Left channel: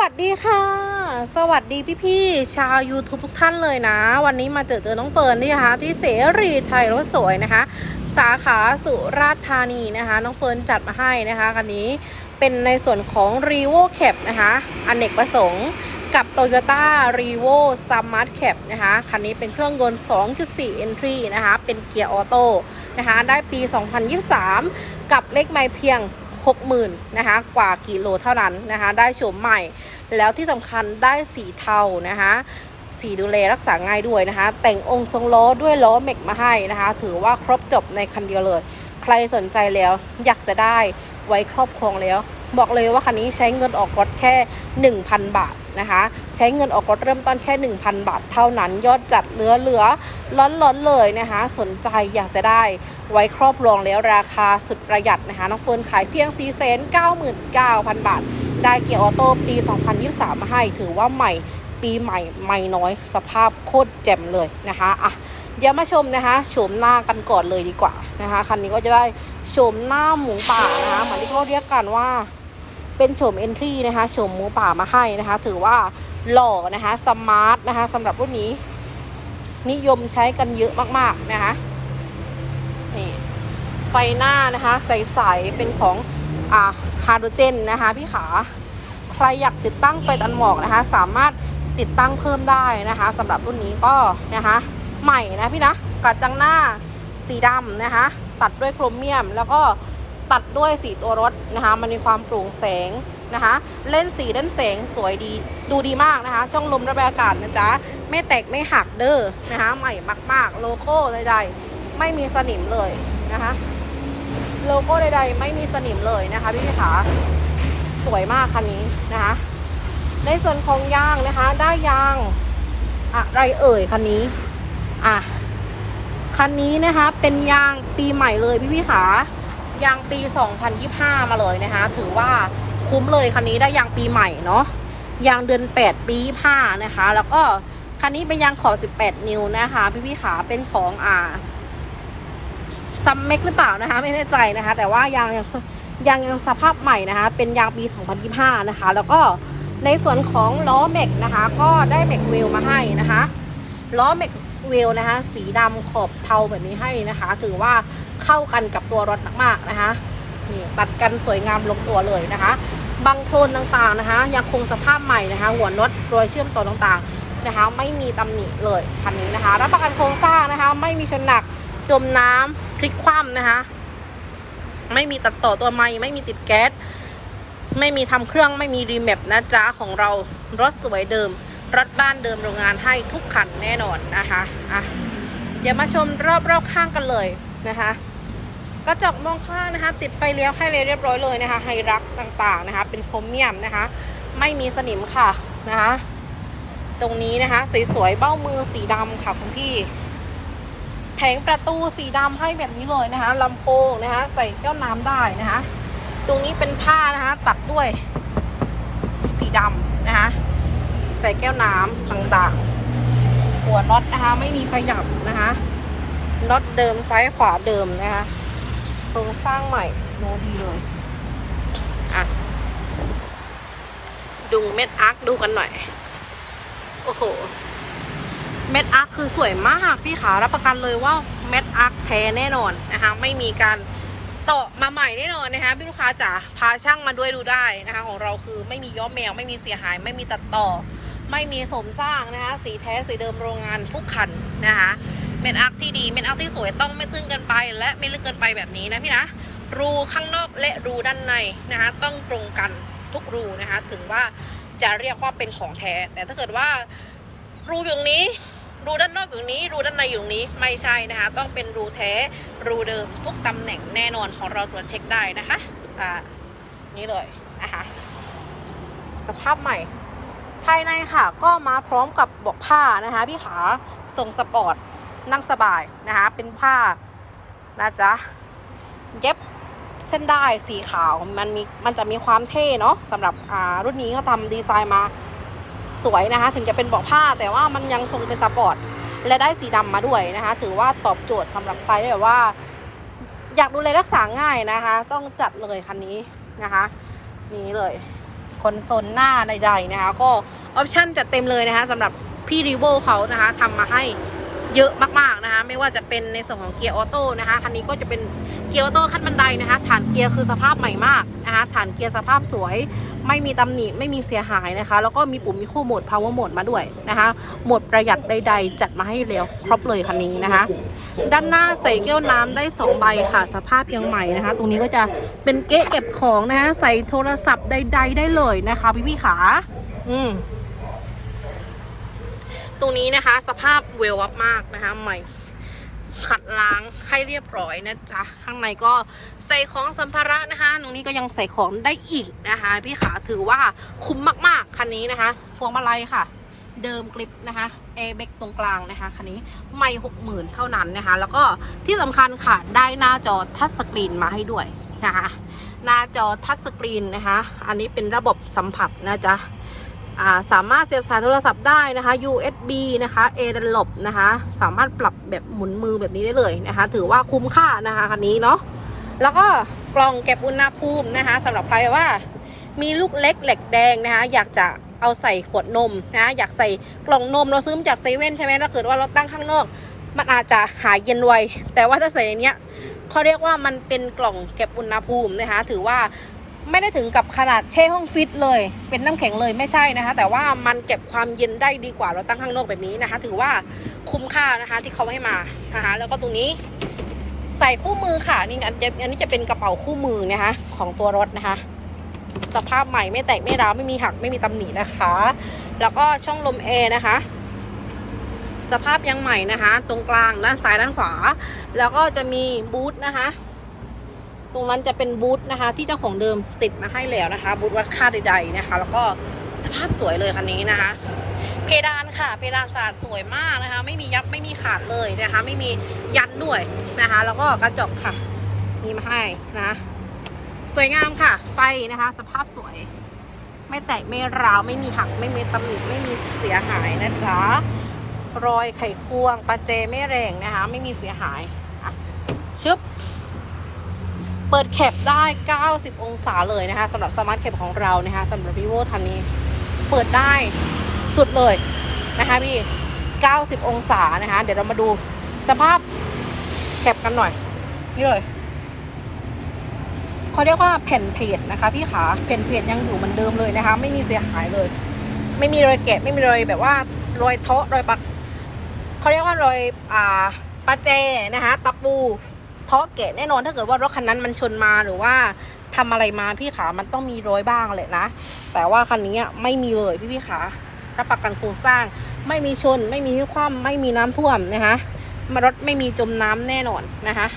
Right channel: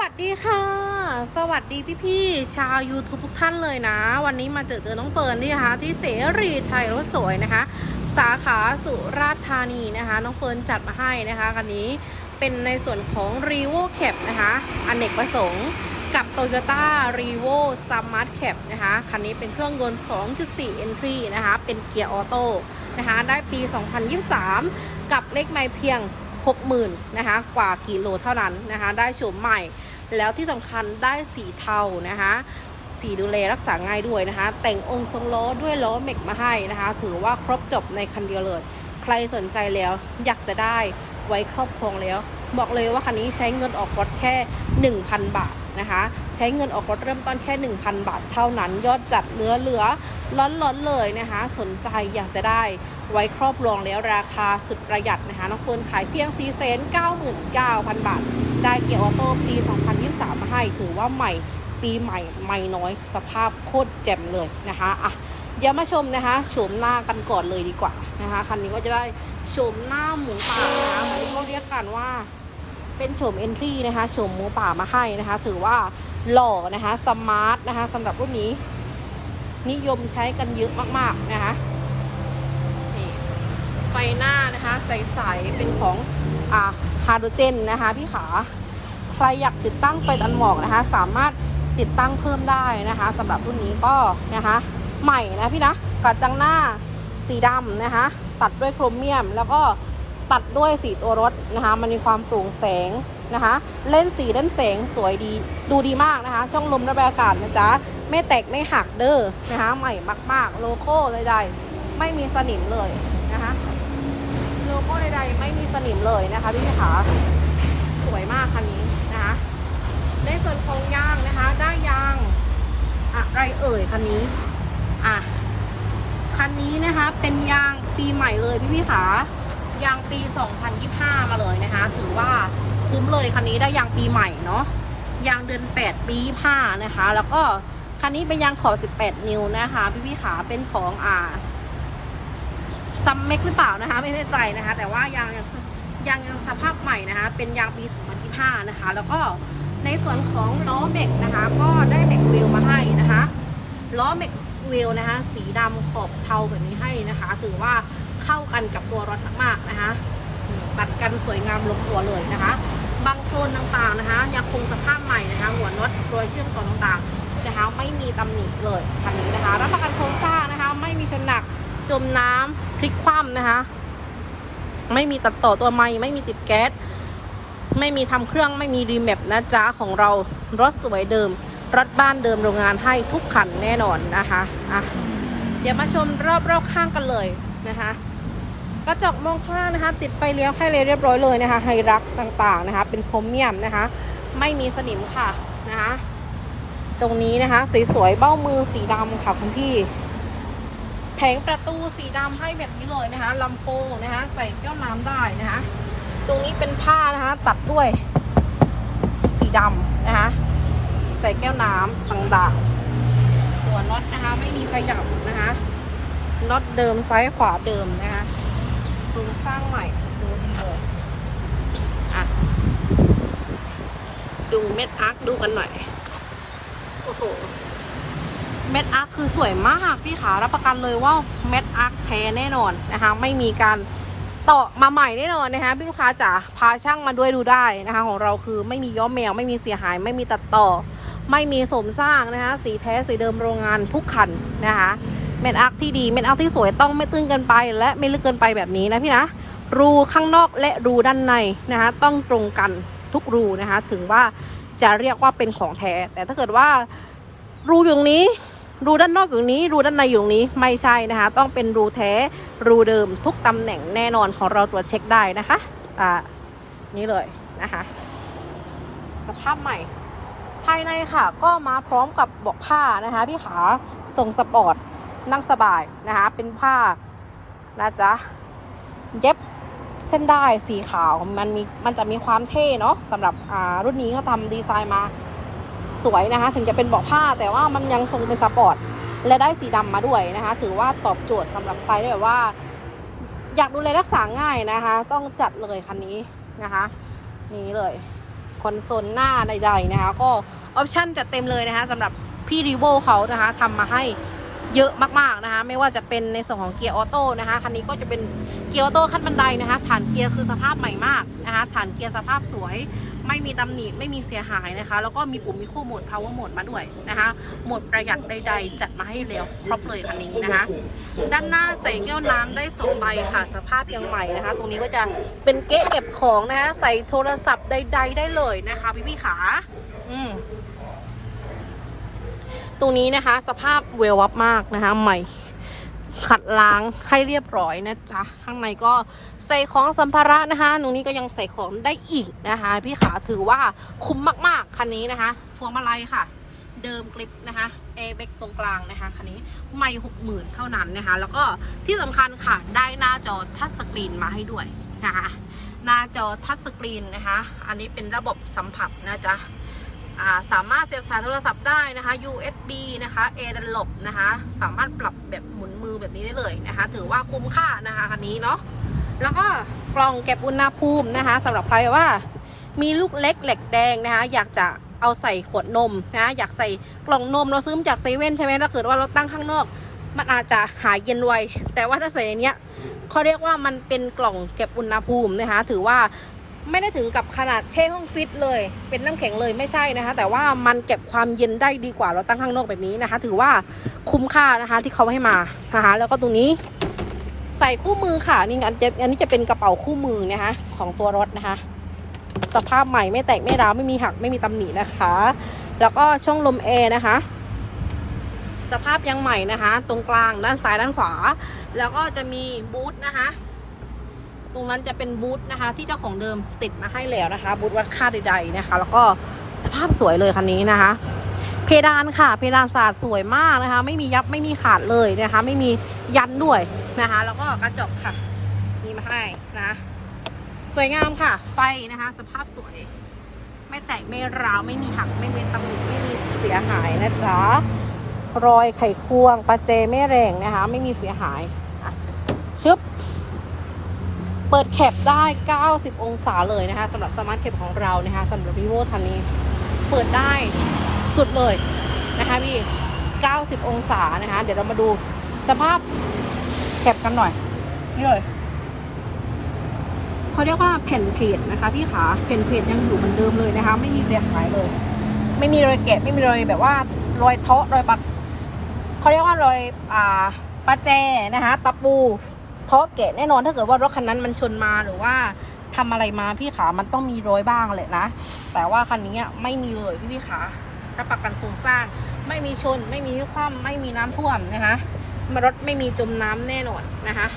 วัสดีค่ะ สวัสดีพี่ๆชาว YouTube ทุกท่านเลยนะ วันนี้มาเจอเจอน้องเฟิร์นนี่นะคะที่เสรีไทยรถสวยนะคะ สาขาสุราษฎร์ธานีนะคะ น้องเฟิร์นจัดมาให้นะคะคันนี้เป็นในส่วนของ r e v o Cap นะคะอนเนกประสงค์กับ Toyota r e v o Smart Cap นะคะคันนี้เป็นเครื่องยนต์ 2.4 Entry นะคะเป็นเกียร์ออโต้นะคะได้ปี 2023 กับเลขไม่เพียง60,000นะคะกว่ากิโลเท่านั้นนะคะได้โฉมใหม่ แล้วที่สำคัญได้สีเทานะคะสีดูแลรักษาง่ายด้วยนะคะ แต่งองค์ทรงล้อด้วยล้อเมกมาให้นะคะ ถือว่าครบจบในคันเดียวเลย ใครสนใจแล้วอยากจะได้ไว้ครอบครองแล้ว บอกเลยว่าคันนี้ใช้เงินออกรถแค่ 1,000 บาทนะคะ ใช้เงินออกรถเริ่มต้นแค่ 1,000 บาท เท่านั้นยอดจัดเหลือเหลือล้อนล้อนๆเลยนะคะ สนใจอยากจะได้ไว้ครอบครองแล้วราคาสุดประหยัดนะคะน้องเฟิร์นขายเพียง4 9 9 0 0 0 บาท ได้เกียร์ออโต้ปี 2023 มาให้ ถือว่าใหม่ปีใหม่ไม่น้อย สภาพโคตรแจ่มเลยนะคะอะเดี๋ยวมาชมนะคะโฉมหน้ากันก่อนเลยดีกว่านะคะคันนี้ก็จะได้โฉมหน้าหมูป่านะคะเหมือนที่เขาเรียกกันว่าเป็นโฉมเอนทรีนะคะโฉมหมูป่ามาให้นะคะ ถือว่าหล่อนะคะสมาร์ทนะคะสำหรับรุ่นนี้ นิยมใช้กันเยอะมากๆนะคะนี่ไฟหน้านะคะใสๆเป็นของ อ่าฮาโดรเจนนะคะพี่ขาใครอยากติดตั้งไฟตันหมอกนะคะ สามารถติดตั้งเพิ่มได้นะคะสำหรับรุ่นนี้ก็นะคะ ใหม่นะพี่นะกัดจังหน้าสีดำนะคะ ตัดด้วยโครเมียม แล้วก็ตัดด้วยสีตัวรถนะคะ มันมีความโปร่งแสงนะคะ เล่นสีเล่นแสงสวยดีดูดีมากนะคะ ช่องลมระบายอากาศนะจ๊ะ ไม่แตกไม่หักเด้อนะคะ ใหม่มาก ๆ โลโก้ใดๆไม่มีสนิมเลยนะคะ โลโก้ใดๆ ไม่มีสนิมเลยนะคะพี่พี่ขาสวยมากคันนี้นะคะ ในส่วนของยางนะคะ ได้ยางอะไรเอ่ยคันนี้ อะ คันนี้นะคะ เป็นยางปีใหม่เลยพี่พี่ขายางปี 2025 มาเลยนะคะ ถือว่าคุ้มเลยคันนี้ได้ยางปีใหม่เนาะ ยางเดือน 8 ปี5นะคะ แล้วก็คันนี้เป็นยางขอบ 18 นิ้วนะคะ พี่พี่ขาเป็นของอ่า ซัมเมกหรือเปล่านะคะ ไม่แน่ใจนะคะ แต่ว่ายางยังยางยังสภาพใหม่นะคะ เป็นยางปี 2025 นะคะ แล้วก็ในส่วนของล้อเม็กนะคะ ก็ได้เม็กเวลมาให้นะคะล้อเม็กเวลนะคะ สีดำขอบเทาแบบนี้ให้นะคะ ถือว่าเข้ากันกับตัวรถมากๆนะคะนี่ตัดกันสวยงามลงตัวเลยนะคะบางโคลนต่างๆนะคะ ยังคงสภาพใหม่นะคะ หัวน็อตรอยเชื่อมต่อต่างๆนะคะ ไม่มีตำหนิเลยคันนี้นะคะ รับประกันโครงสร้างนะคะ ไม่มีชนหนักจมน้ำ พลิกคว่ำนะคะ ไม่มีตัดต่อตัวไม้ไม่มีติดแก๊ส ไม่มีทำเครื่องไม่มีรีแมปนะจ๊ะของเรารถสวยเดิม รถบ้านเดิมโรงงานให้ทุกคันแน่นอนนะคะอะเดี๋ยวมาชมรอบรอบข้างกันเลยนะคะกระจกมองข้างนะคะ ติดไฟเลี้ยวให้เลยเรียบร้อยเลยนะคะไฮรักต่างๆนะคะ เป็นโครเมียมนะคะ ไม่มีสนิมค่ะนะคะ ตรงนี้นะคะ สวยๆเบ้ามือสีดำค่ะคุณพี่ แผงประตูสีดำให้แบบนี้เลยนะคะลำโพงนะคะใส่แก้วน้ำได้นะคะ ตรงนี้เป็นผ้านะคะตัดด้วยสีดำนะคะ ใส่แก้วน้ำต่างๆ หัวน็อตนะคะไม่มีขยับนะคะน็อตเดิมซ้ายขวาเดิมนะคะโครงสร้างใหม่ดูดีเลยอะดูเม็ดอาร์คดูกันหน่อย โอ้โห เม็ดอาร์คคือสวยมากพี่ขารับประกันเลยว่าเม็ดอาร์คแท้แน่นอนนะคะ ไม่มีการต่อมาใหม่แน่นอนนะคะพี่ลูกค้าจ๋าพาช่างมาด้วยดูได้นะคะ ของเราคือไม่มีย้อมแมวไม่มีเสียหาย ไม่มีตัดต่อ ไม่มีสมสร้างนะคะ สีแท้สีเดิมโรงงานทุกคันนะคะเม็ดอาร์คที่ดีเม็ดอาร์คที่สวยต้องไม่ตื้นเกินไป และไม่ลึกเกินไปแบบนี้นะพี่นะรูข้างนอกและรูด้านในนะคะ ต้องตรงกันทุกรูนะคะ ถึงว่าจะเรียกว่าเป็นของแท้แต่ถ้าเกิดว่ารูอยู่ตรงนี้ รูด้านนอกอยู่นี้ รูด้านในอยู่ตรงนี้ไม่ใช่นะคะ ต้องเป็นรูแท้ รูเดิมทุกตำแหน่งแน่นอนของเราตรวจเช็คได้นะคะ อ่า นี่เลยนะคะ สภาพใหม่ ภายในค่ะ ก็มาพร้อมกับบอกผ้านะคะพี่ขาทรงสปอร์ต นั่งสบายนะคะ เป็นผ้านะจ๊ะ เย็บเส้นได้สีขาว มันมี มันจะมีความเท่เนาะสำหรับ อ่า รุ่นนี้เขาทำดีไซน์มา สวยนะคะ ถึงจะเป็นเบาะผ้าแต่ว่ามันยังทรงเป็นสปอร์ตและได้สีดำมาด้วยนะคะ ถือว่าตอบโจทย์สำหรับใครที่แบบว่า อยากดูแลรักษาง่ายนะคะ ต้องจัดเลยคันนี้นะคะนี่เลยคอนโซลหน้าใดๆนะคะ ก็ออปชั่นจัดเต็มเลยนะคะสำหรับพี่รีโวเขานะคะทำมาให้เยอะมากๆนะคะ ไม่ว่าจะเป็นในส่วนของเกียร์ออโต้นะคะคันนี้ก็จะเป็นเกียร์ออโต้ขั้นบันไดนะคะฐานเกียร์คือสภาพใหม่มากนะคะฐานเกียร์สภาพสวย ไม่มีตำหนิไม่มีเสียหายนะคะ แล้วก็มีปุ่มมีคู่โหมด power mode มาด้วยนะคะโหมดประหยัดใด ๆ จัดมาให้แล้วครบเลยคันนี้นะคะ ด้านหน้าใส่แก้วน้ำได้2ใบค่ะ สภาพยังใหม่นะคะ ตรงนี้ก็จะเป็นเก๊ะเก็บของนะคะใส่โทรศัพท์ใด ๆ ได้เลยนะคะ พี่ๆขาอืมตรงนี้นะคะ สภาพเวลวับมากนะคะ ใหม่ ขัดล้างให้เรียบร้อยนะจ๊ะ ข้างในก็ใส่ของสัมภาระนะคะตรงนี้ก็ยังใส่ของได้อีกนะคะ พี่ขาถือว่าคุ้มมากๆคันนี้นะคะพวงมาลัยค่ะ เดิมคลิปนะคะเอเบกตรงกลางนะคะคันนี้ไม่หกหมื่นเท่านั้นนะคะ แล้วก็ที่สำคัญค่ะได้หน้าจอทัชสกรีนมาให้ด้วยนะคะหน้าจอทัชสกรีนนะคะ อันนี้เป็นระบบสัมผัสนะจ๊ะ สามารถเสียบสายโทรศัพท์ได้นะคะ USB นะคะ A ดันหลบนะคะ สามารถปรับแบบหมุนมือแบบนี้ได้เลยนะคะ ถือว่าคุ้มค่านะคะคันนี้เนาะ แล้วก็กล่องเก็บอุณหภูมินะคะสำหรับใครว่ามีลูกเล็กเหล็กแดงนะคะ อยากจะเอาใส่ขวดนมนะอยากใส่กล่องนมเราซื้อมาจากเซเว่นใช่ไหมถ้าเกิดว่าเราตั้งข้างนอก มันอาจจะหายเย็นไวแต่ว่าถ้าใส่ในเนี้ยเขาเรียกว่ามันเป็นกล่องเก็บอุณหภูมินะคะ ถือว่า ไม่ได้ถึงกับขนาดแช่ห้องฟิตเลย เป็นน้ำแข็งเลยไม่ใช่นะคะ แต่ว่ามันเก็บความเย็นได้ดีกว่าเราตั้งข้างนอกแบบนี้นะคะ ถือว่าคุ้มค่านะคะที่เขาให้มานะคะแล้วก็ตรงนี้ใส่คู่มือค่ะนี่อันจะอันนี้จะเป็นกระเป๋าคู่มือนะคะ ของตัวรถนะคะ สภาพใหม่ไม่แตกไม่ร้าวไม่มีหักไม่มีตำหนินะคะ แล้วก็ช่องลมแอร์นะคะ สภาพยังใหม่นะคะ ตรงกลางด้านซ้ายด้านขวา แล้วก็จะมีบูธนะคะ รงนั้นจะเป็นบูธนะคะ ที่เจ้าของเดิมติดมาให้แล้วนะคะ บูธวัดค่าใด ๆนะคะ แล้วก็สภาพสวยเลยคันนี้นะคะ เพดานค่ะ เพดานสาดสวยมากนะคะ ไม่มียับไม่มีขาดเลยนะคะ ไม่มียันด้วยนะคะ แล้วก็กระจกค่ะ มีมาให้นะสวยงามค่ะ ไฟนะคะ สภาพสวย ไม่แตกไม่ร้าวไม่มีหักไม่มีตำหนิไม่มีเสียหายนะจ๊ะรอยไขควงปาเจไม่แรงนะคะ ไม่มีเสียหายอะชึบ เปิดแคปได้ 90 องศาเลยนะคะสำหรับสมาร์ทแคปของเรานะคะสำหรับ vivo ทันนี้ เปิดได้สุดเลยนะคะพี่ 90 องศานะคะ เดี๋ยวเรามาดูสภาพแคปกันหน่อย นี่เลยเขาเรียกว่าแผ่นเพจนะคะพี่ขาแผ่นเพจยังอยู่เหมือนเดิมเลยนะคะ ไม่มีเสียหายเลย ไม่มีรอยแกะไม่มีรอยแบบว่ารอยเทาะรอยปักเขาเรียกว่ารอยอ่าประแจนะคะตะปู เทาะแกะแน่นอนถ้าเกิดว่ารถคันนั้นมันชนมาหรือว่าทำอะไรมาพี่ขามันต้องมีรอยบ้างแหละนะ แต่ว่าคันนี้ไม่มีเลยพี่พี่ขารับประกันโครงสร้าง ไม่มีชน ไม่มีคว่ำไม่มีน้ำท่วมนะคะมารถไม่มีจมน้ำแน่นอนนะคะ